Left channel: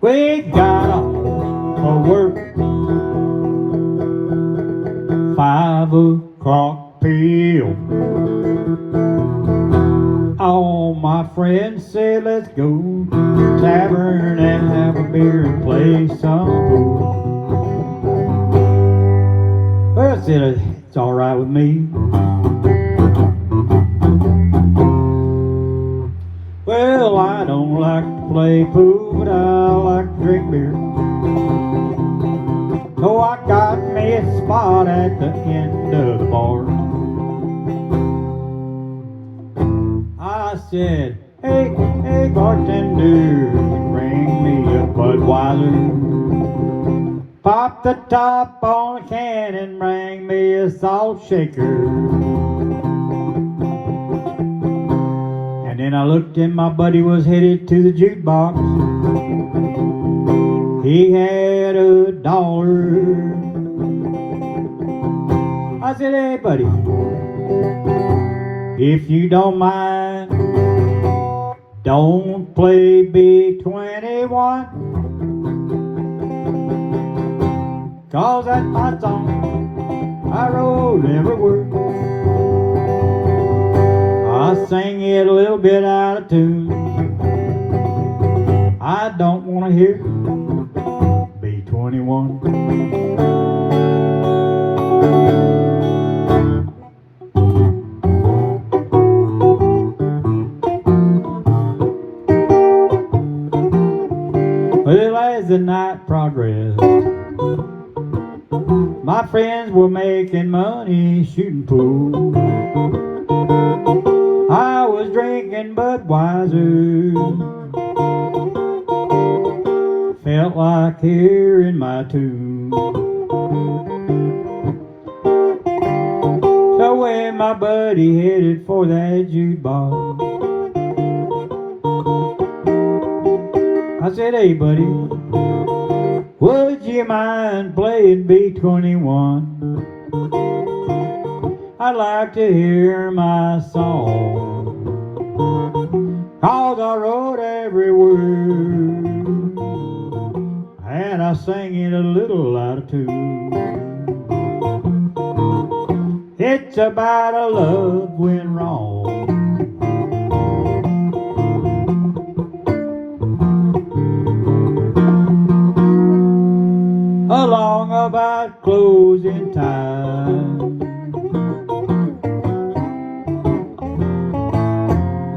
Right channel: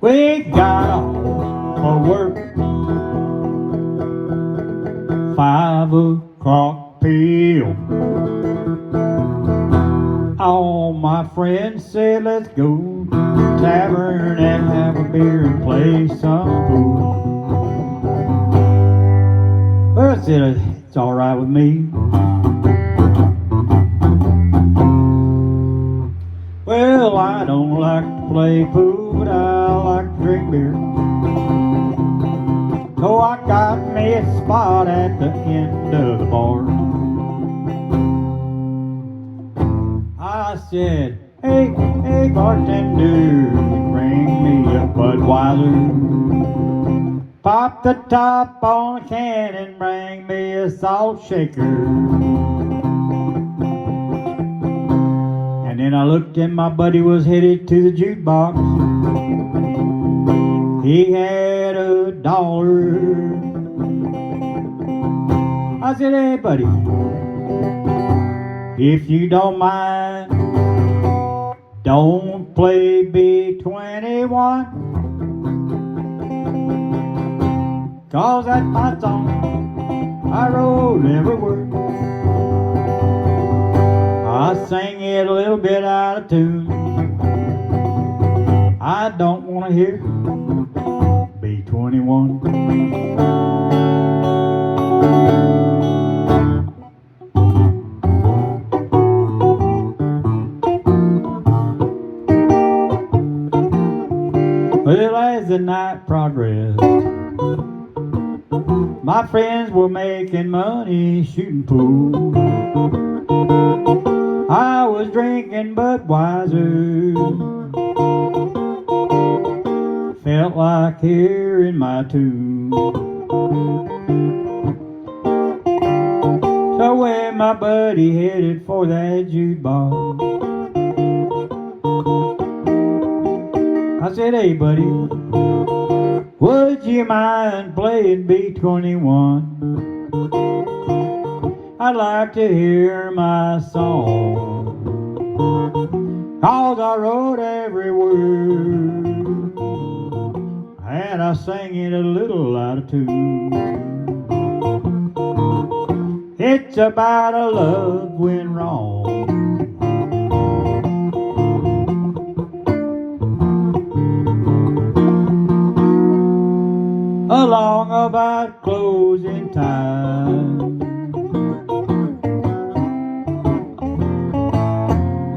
We got off for work 5 o'clock p.m. All my friends said let's go to the tavern and have a beer and play some pool. Well, I said it's all right with me. Well, I don't like to play pool, but I like to drink beer. So I got me a spot at the end of the bar. I said, hey bartender, bring me a Budweiser. Pop the top on a can and bring me a salt shaker. And then I looked and my buddy was headed to the jukebox. He had $1. I said, hey buddy, if you don't mind, don't play B-21, 'cause that's my song, I wrote every word. I sang it a little bit out of tune. I don't want to hear B-21. Well, as the night progressed, my friends were making money shooting pool. I was drinking Budweiser, felt like hearing my tune. So when my buddy headed for that jukebox, I said, hey buddy, would you mind playing B-21? I'd like to hear my song, 'cause I wrote every word, and I sang it a little out of tune. It's about a love went wrong. Along about closing time,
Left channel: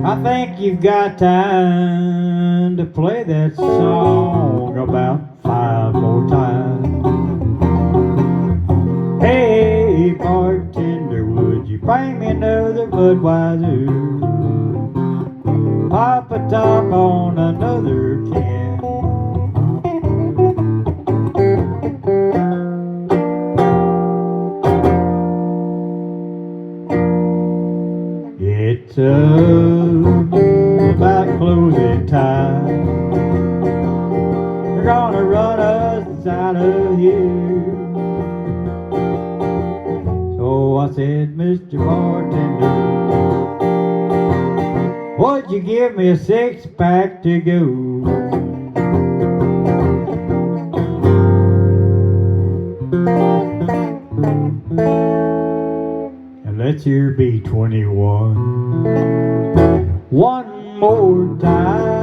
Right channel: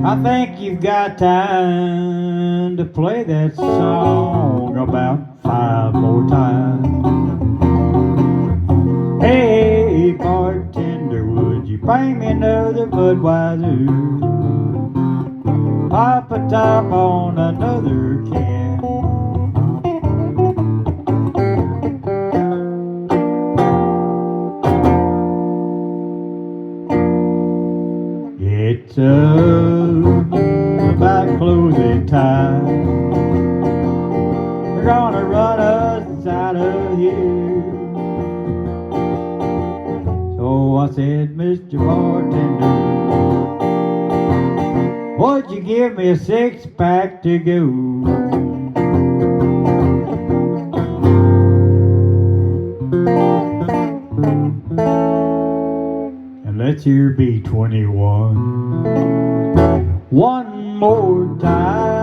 I think you've got time to play that song about 5 more times. Hey bartender, would you bring me another Budweiser? Pop a top on another can. It's about closing time. They're gonna run us out of here. So I said, Mr. Bartender, would you give me a 6-pack to go? And let's hear B-21 one more time.